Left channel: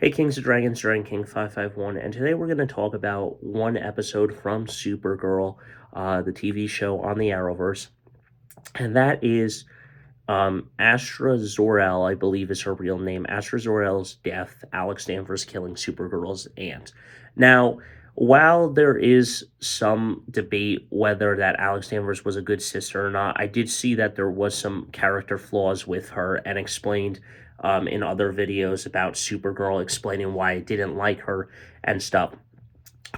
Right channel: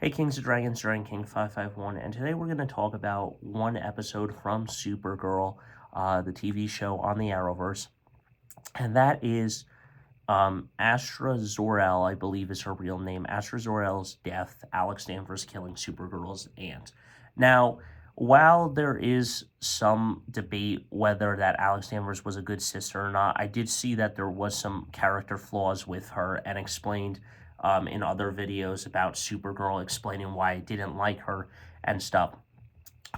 Hey Kings of Dragons, Dragon King 551, and today we're going to talk about one episode from Supergirl, the TV show on the Arrowverse, and that is Astra Zor-El, I believe is her real name. Astra Zor-El's death, Alex Danvers killing Supergirl's aunt. Now, while there is some debate whether that Alex Danvers was a good sister or not, I did see that there was some character flaws with her and explained in other videos about Supergirl, explaining why I didn't like her and stuff.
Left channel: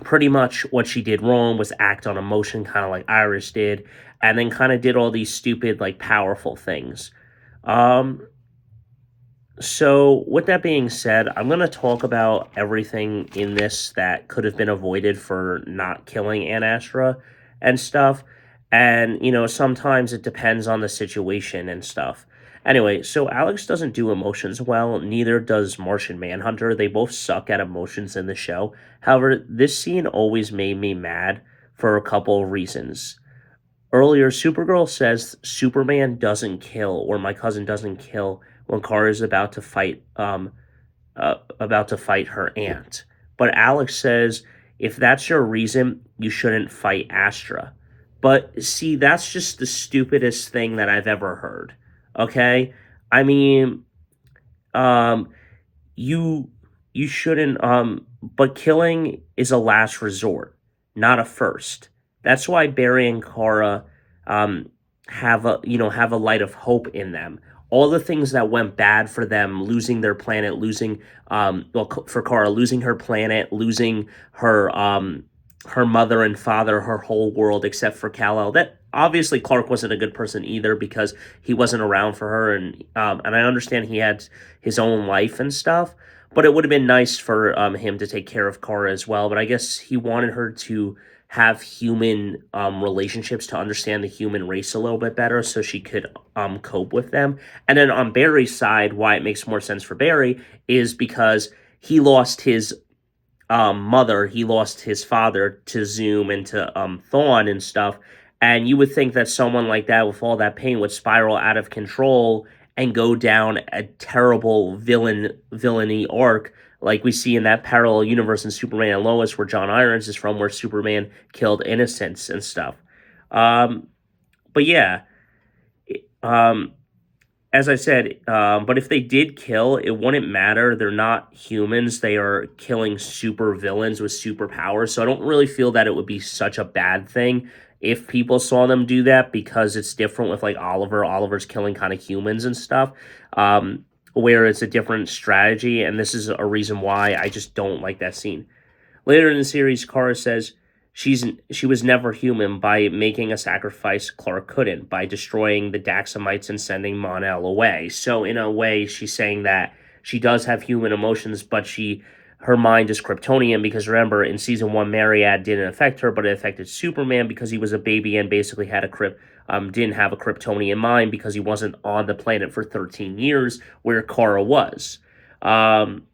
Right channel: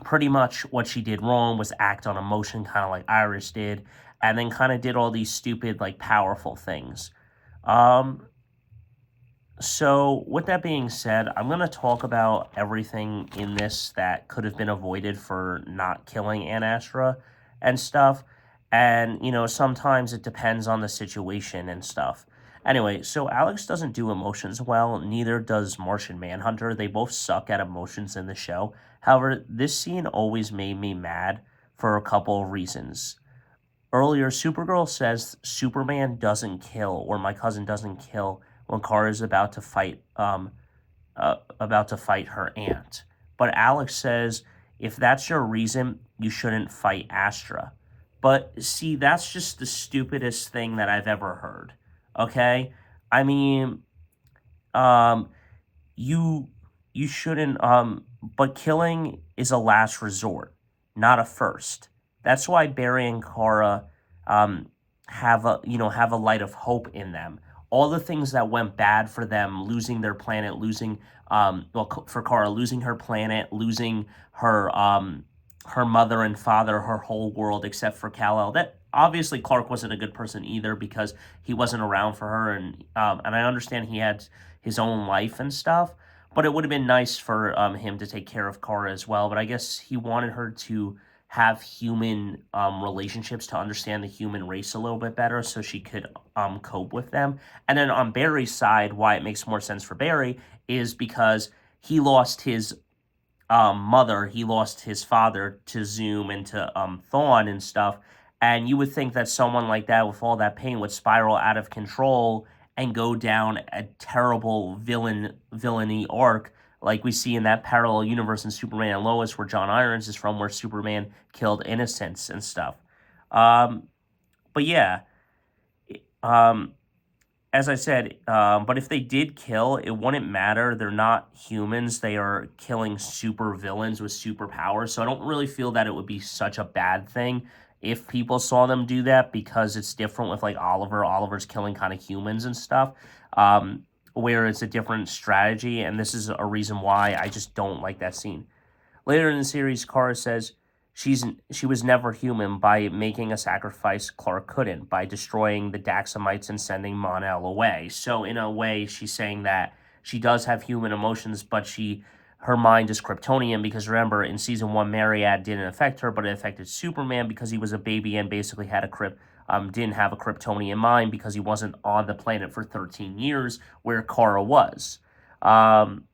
Pretty much what she did wrong was act on emotion, kind of like Iris did, and then kind of did all these stupid, like, powerful things. Um, so, with that being said, I'm going to talk about everything in this that could have been avoided for not killing Aunt Astra and stuff. And, sometimes it depends on the situation and stuff. Anyway, so Alex doesn't do emotions well, neither does Martian Manhunter. They both suck at emotions in the show. However, this scene always made me mad for a couple of reasons. Earlier, Supergirl says Superman doesn't kill, or my cousin doesn't kill, when Kara is about to fight her aunt. But Alex says if that's your reason, you shouldn't fight Astra. But see, that's just the stupidest thing that I've ever heard. Okay, I mean, um, you you shouldn't. But killing is a last resort, not a first. That's why Barry and Kara um have a light of hope in them. All the things that went bad for them, losing their planet, losing for Kara, losing her planet, losing her mother and father, her whole world except for Kal-El. That obviously Clark wasn't a good person either because he wasn't around for her, and I understand he had his own life and stuff. But it would have been nice for him to take care of Kara as well. But I guess he wanted her to have human relationships to understand the human race a little bit better so she could cope with them. And then on Barry's side, why it makes more sense for Barry is because he lost his mother, he lost his father to Zoom and to Thawne and stuff. And you would think that someone like that, with all that pain, would spiral out of control and go down a terrible villainy arc like we see in that parallel universe in Superman and Lois, where John Irons is from, where Superman killed innocents and stuff. Um, but yeah, um, as I said, but if they did kill, it wouldn't matter. They're not humans. They are killing super villains with superpowers. So I don't really feel that it would be such a bad thing if people saw them do that, because it's different with like Oliver. Oliver's killing kind of humans and stuff, where it's a different strategy. And this is a reason why I just don't like that scene. Later in the series, Kara says she was never human by making a sacrifice Clark couldn't, by destroying the Daxamites and sending Mon-El away. So in a way, she's saying that she does have human emotions, but her mind is Kryptonian, because remember, in season one, Mariad didn't affect her, but it affected Superman because he was a baby and basically had didn't have a Kryptonian mind because he wasn't on the planet for 13 years where Kara was. Um,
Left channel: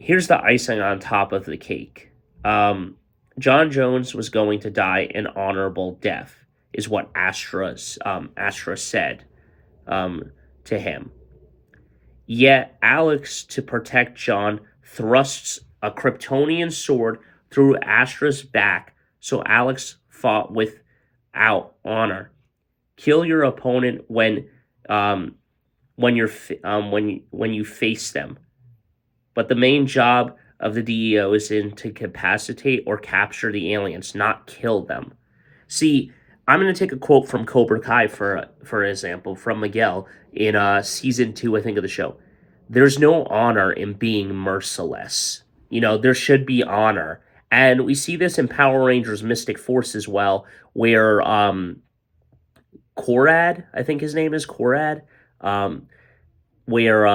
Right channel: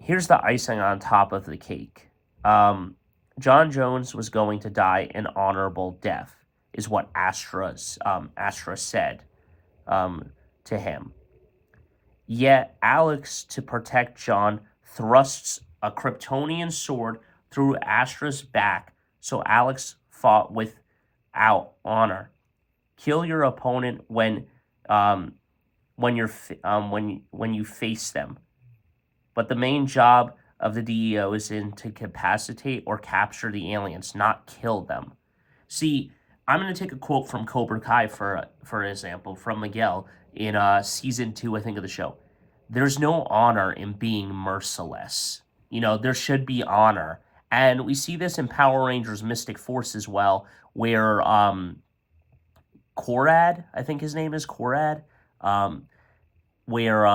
Here's the icing on top of the cake. John Jones was going to die an honorable death, is what Astra said to him. Yet Alex, to protect John, thrusts a Kryptonian sword through Astra's back, so Alex fought without honor. Kill your opponent um, when you face them. But the main job of the DEO is to incapacitate or capture the aliens, not kill them. See, I'm going to take a quote from Cobra Kai for example, from Miguel in season 2, I think, of the show. There's no honor in being merciless. There should be honor. And we see this in Power Rangers Mystic Force as well, where Korad, I think his name is Korad, um, where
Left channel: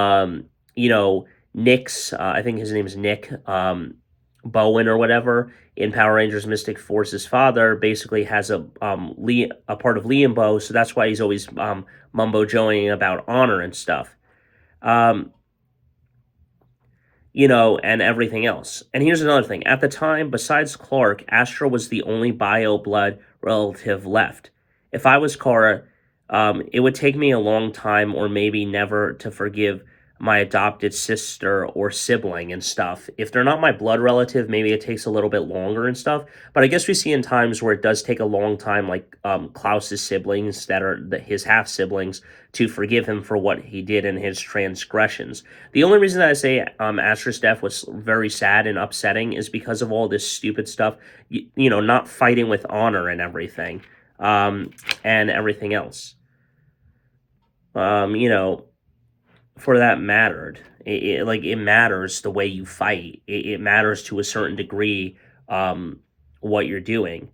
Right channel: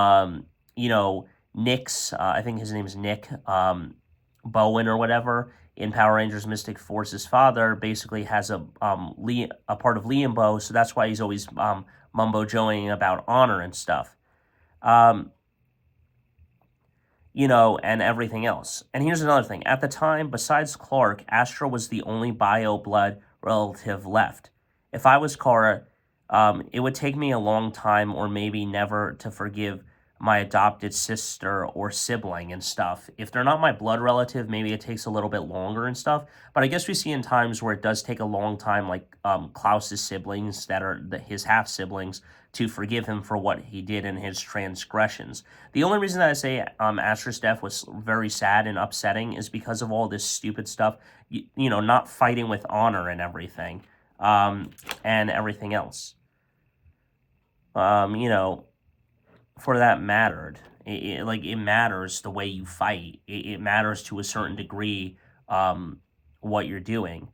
Nick's I think his name is Nick Bowen or whatever, in Power Rangers Mystic Force's father basically has a part of Liambo, so that's why he's always mumbo joing about honor and stuff. Um, and everything else. And here's another thing. At the time, besides Clark, Astra was the only bio blood relative left. If I was Kara, it would take me a long time or maybe never to forgive my adopted sister or sibling and stuff. If they're not my blood relative, maybe it takes a little bit longer and stuff. But I guess we see in times where it does take a long time, like Klaus's siblings that are his half siblings, to forgive him for what he did in his transgressions. The only reason that I say Astra's death was very sad and upsetting is because of all this stupid stuff, not fighting with honor and everything, and everything else. Um, you know, for that mattered. It matters the way you fight. It matters to a certain degree what you're doing.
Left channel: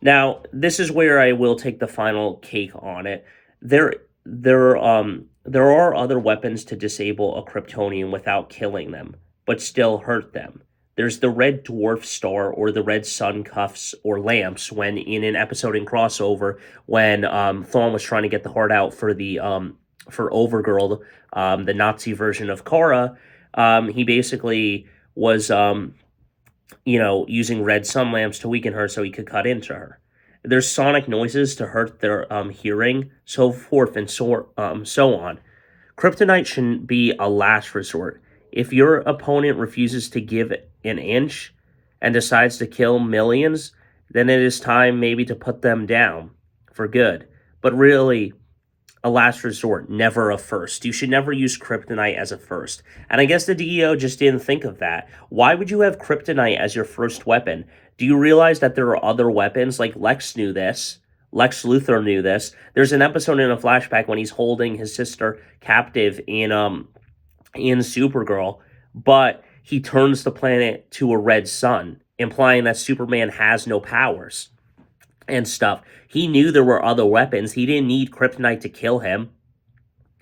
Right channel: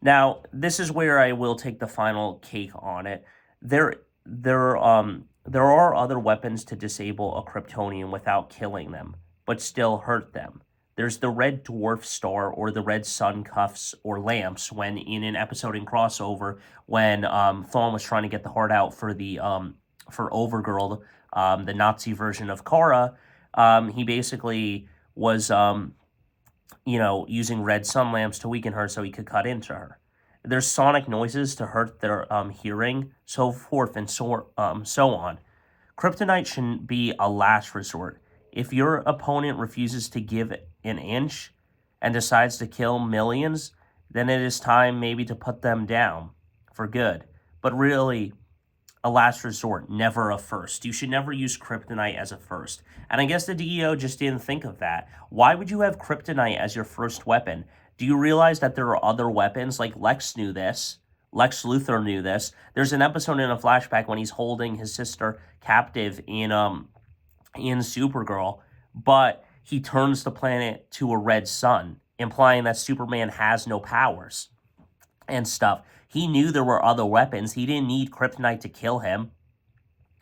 Now, this is where I will take the final cake on it. There there are other weapons to disable a Kryptonian without killing them, but still hurt them. There's the red dwarf star or the red sun cuffs or lamps when in an episode in crossover when Thawne was trying to get the heart out for Overgirl, the Nazi version of Kara, he basically was using red sun lamps to weaken her so he could cut into her. There's sonic noises to hurt their hearing, so forth and so on. Kryptonite shouldn't be a last resort. If your opponent refuses to give an inch and decides to kill millions, then it is time maybe to put them down for good. But really, a last resort, never a first. You should never use kryptonite as a first. And I guess the DEO just didn't think of that. Why would you have kryptonite as your first weapon? Do you realize that there are other weapons? Like Lex knew this. Lex Luthor knew this. There's an episode in a flashback when he's holding his sister captive in Supergirl, but he turns the planet to a red sun, implying that Superman has no powers and stuff. He knew there were other weapons. He didn't need kryptonite to kill him,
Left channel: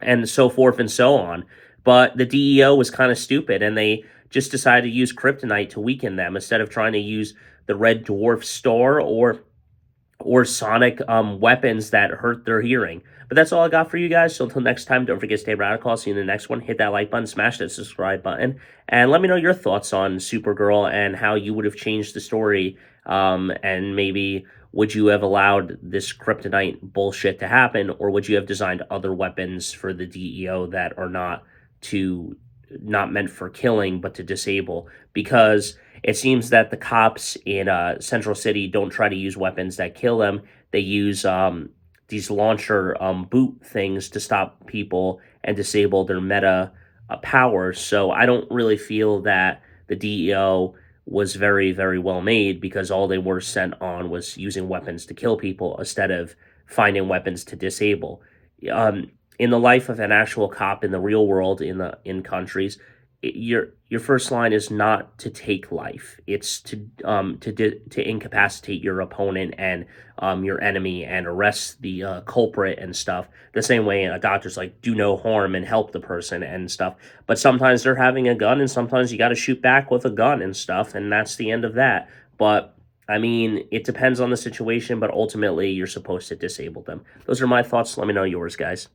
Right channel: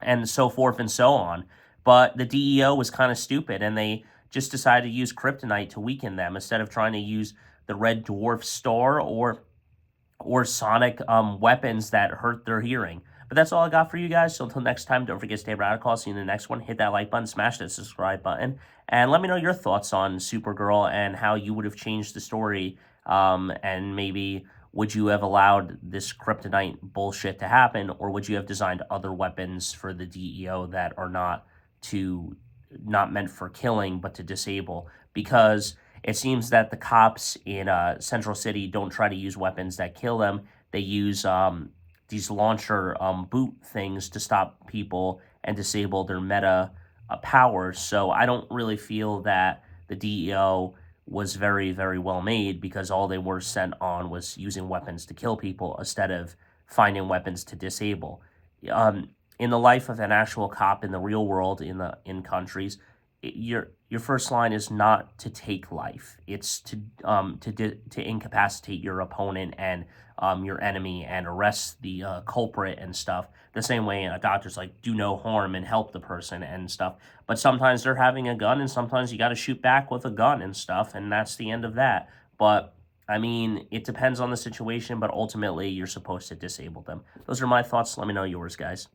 and so forth and so on. But the DEO was kind of stupid, and they just decided to use kryptonite to weaken them instead of trying to use the red dwarf star or sonic weapons that hurt their hearing. But that's all I got for you guys. So until next time, don't forget to stay radical. I'll see you in the next one. Hit that like button, smash that subscribe button, and let me know your thoughts on Supergirl and how you would have changed the story. And maybe would you have allowed this kryptonite bullshit to happen, or would you have designed other weapons for the DEO that are not meant for killing but to disable? Because it seems that the cops in Central City don't try to use weapons that kill them. They use these launcher boot things to stop people and disable their meta powers. So I don't really feel that the DEO was very, very well made because all they were sent on was using weapons to kill people instead of finding weapons to disable. In the life of an actual cop in the real world in countries, your first line is not to take life. It's to incapacitate your opponent and your enemy and arrest the culprit and stuff. The same way a doctor's like do no harm and help the person and stuff. But sometimes they're having a gun and sometimes you got to shoot back with a gun and stuff, and that's the end of that. But I mean, it depends on the situation, but ultimately you're supposed to disable them. Those are my thoughts. Let me know yours, guys.